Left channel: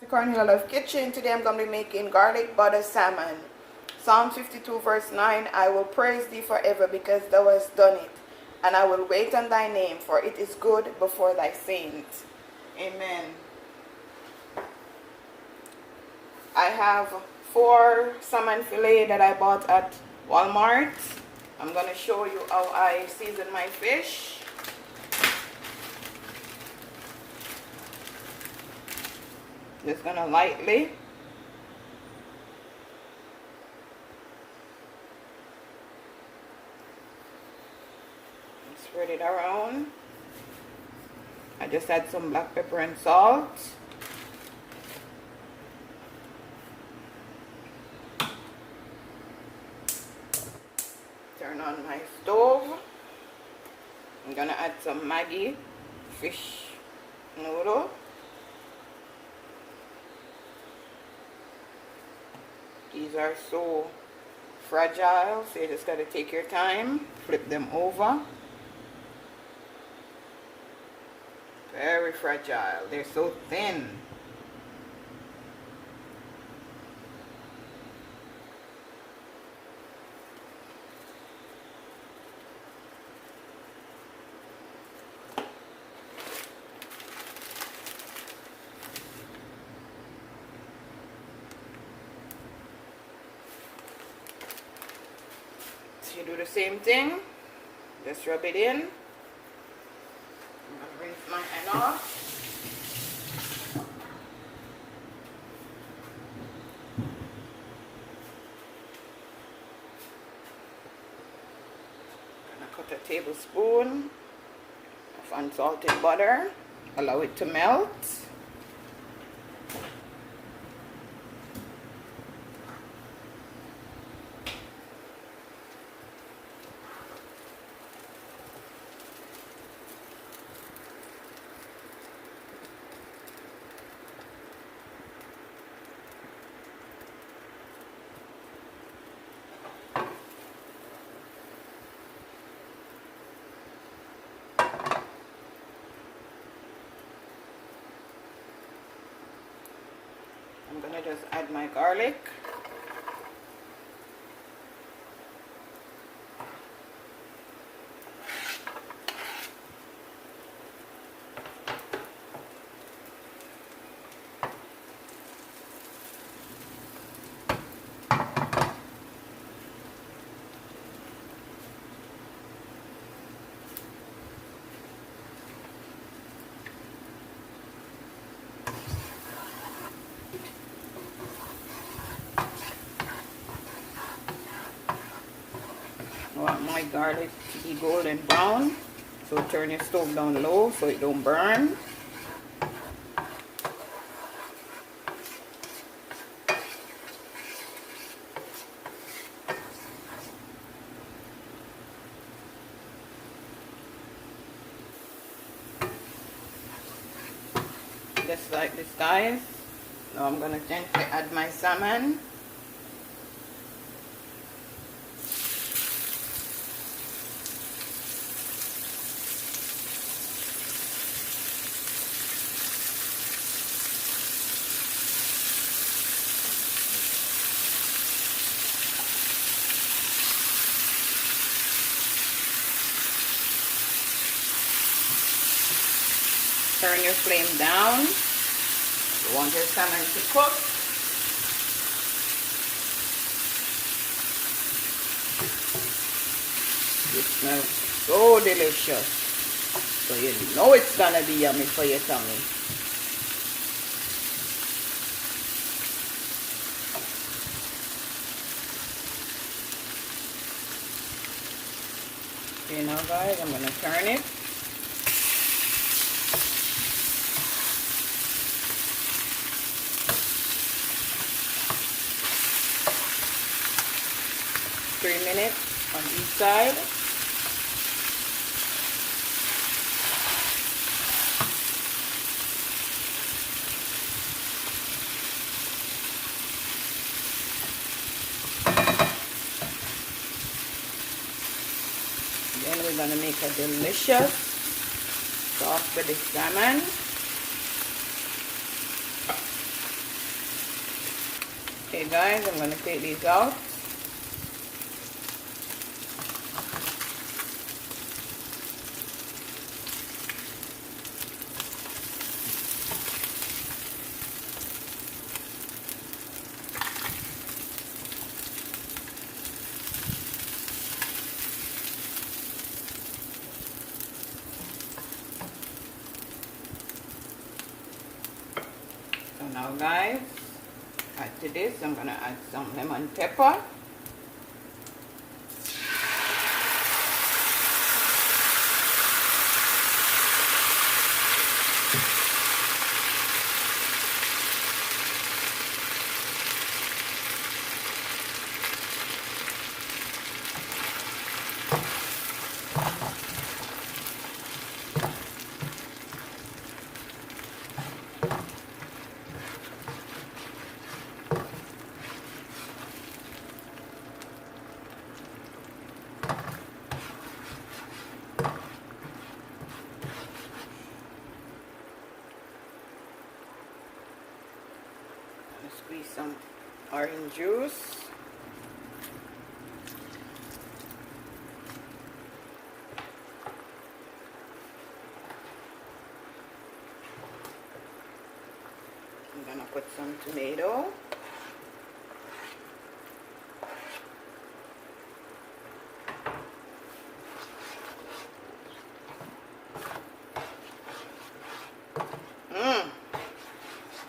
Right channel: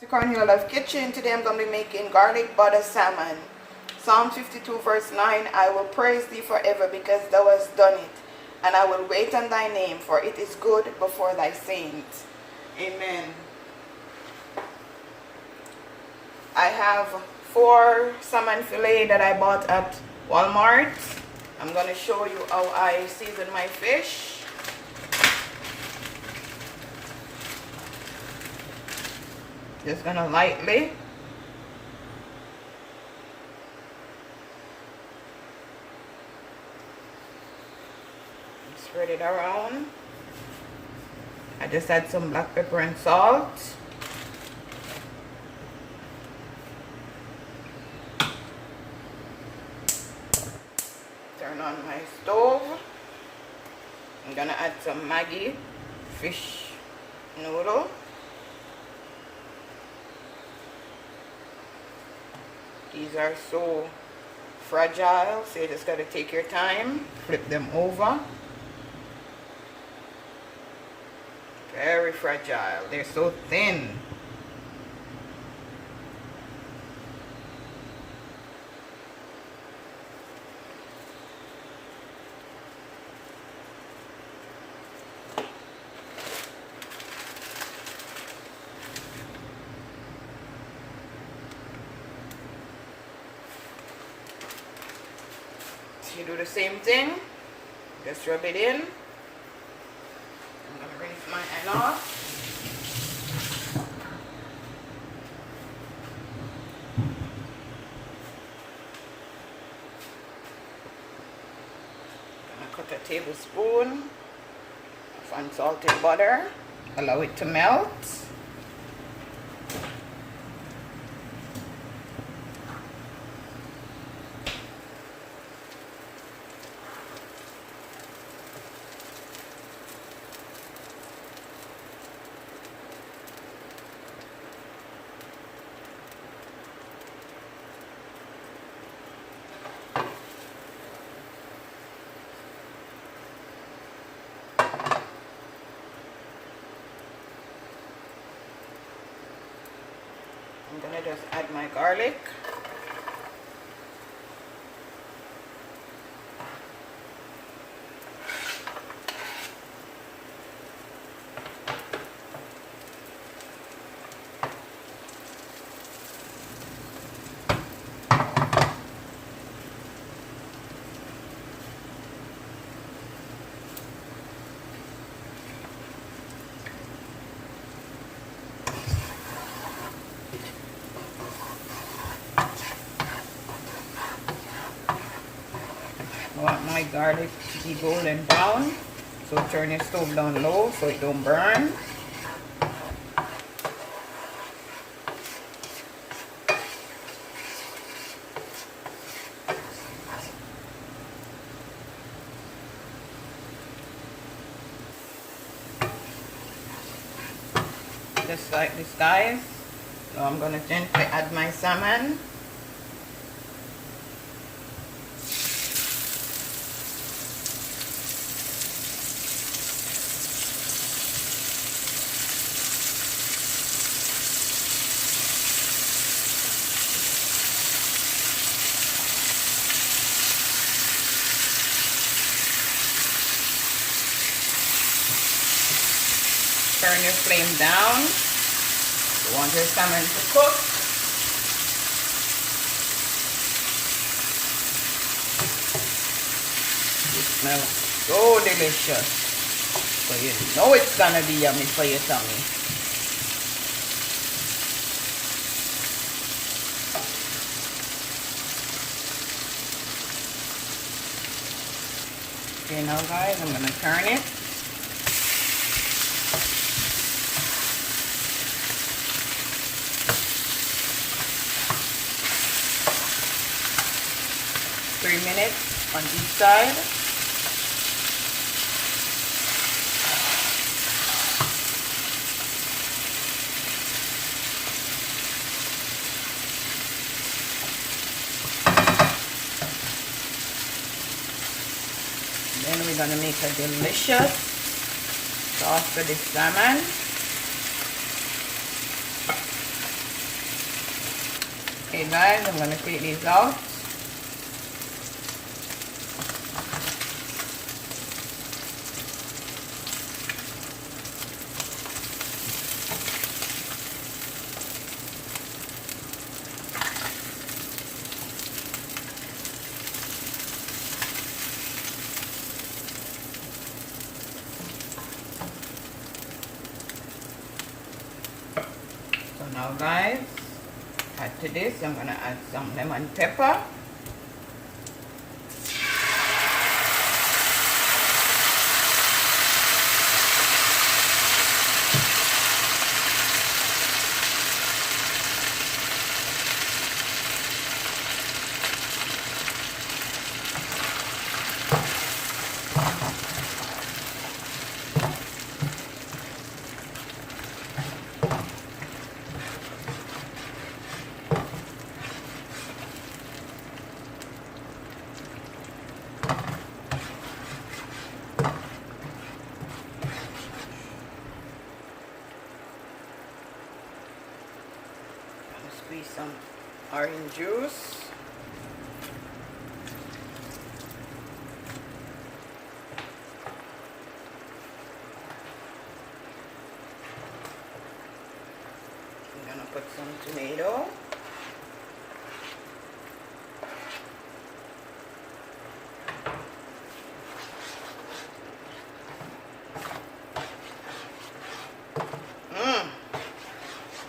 To Cornhill Love Kitchen. Today I'm going to be making garlic butter salmon. Psalm 52 verse 9, I will praise thee forever because thou hast done it, and I will wait on thy name, for it is good before thy saints. Amen. I have 4 salmon fillet that I bought at Walmart. I'm going to show you how I season my fish. Just gonna lightly spread it around. I just add some black pepper and salt. Turn on my stove. I'm gonna add some Maggi fish noodle. These are so fragile, so you just got to take your time, flip them over. Very fragile, they're so thin. You do the same thing, just rub it in. I'm going to rinse my hand off. I'm going to cut a tablespoon of unsalted butter, allow it to melt. I'm gonna just add my garlic. I want my garlic to be golden brown, so turn your stove down low so it don't burn. Just like this, guys. So I'm gonna gently add my salmon. Turn your flame down. You want your salmon to cook. It smells so delicious. So you know it's gonna be yummy for your tummy. Okay, now guys, I'm gonna turn it. Minutes on each side. Then we're gonna make a delicious sauce for the salmon. Okay guys, I'm gonna take these out. So now guys, add to this, I'm gonna add some lemon pepper. Squeeze some orange juice. I'm gonna put some tomato.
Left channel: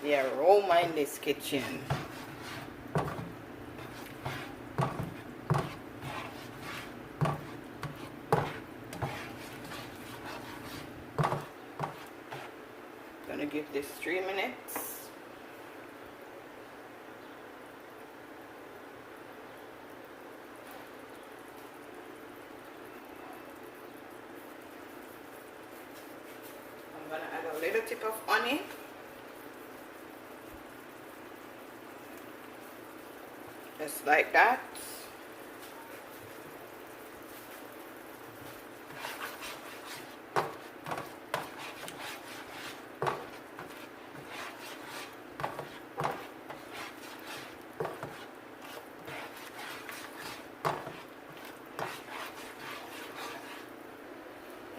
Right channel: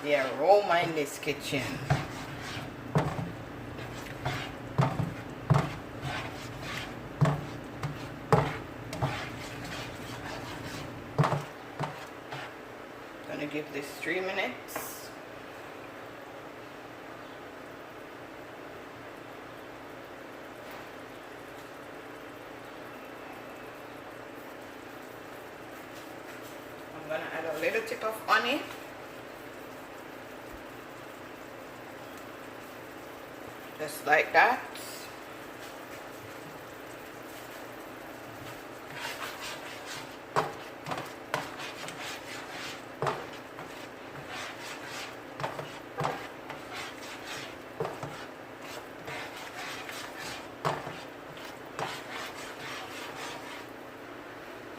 The aroma in this kitchen. Gonna give this 3 minutes. I'm gonna add a little tip of honey. Just like that.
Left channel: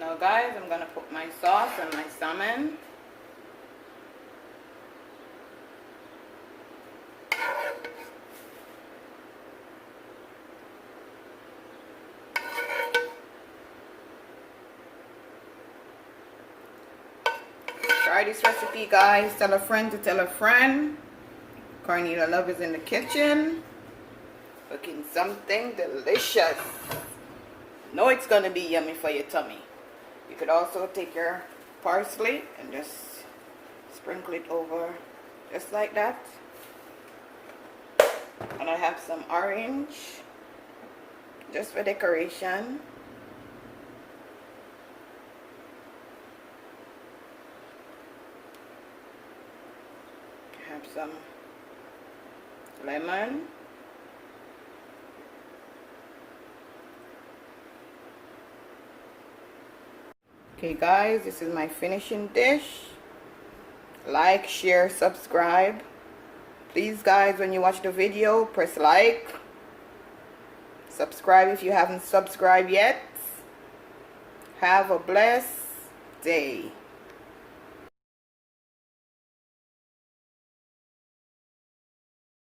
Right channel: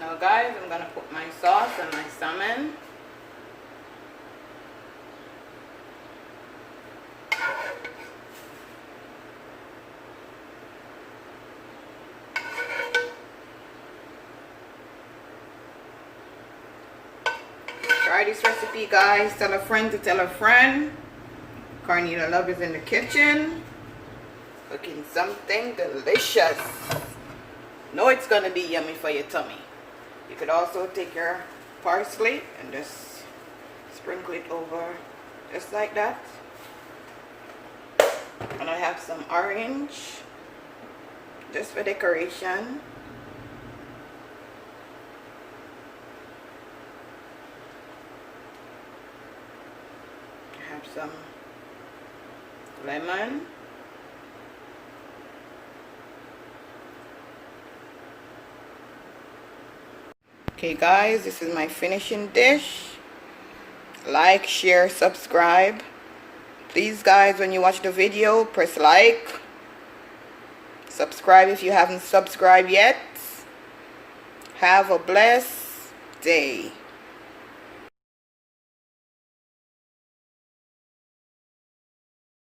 Now guys, I'm gonna put my sauce and my salmon. Try this recipe guys, tell a friend to tell a friend. Carnita Love is in the kitchen, cooking something delicious. Know it's gonna be yummy for your tummy. You could also take your parsley and just sprinkle it over just like that. And I have some orange just for decoration. I have some lemon. Okay guys, this is my finishing dish. Like, share, subscribe. Please guys, when you watch the video, press like. Subscribe if you haven't subscribed yet. Have a blessed day.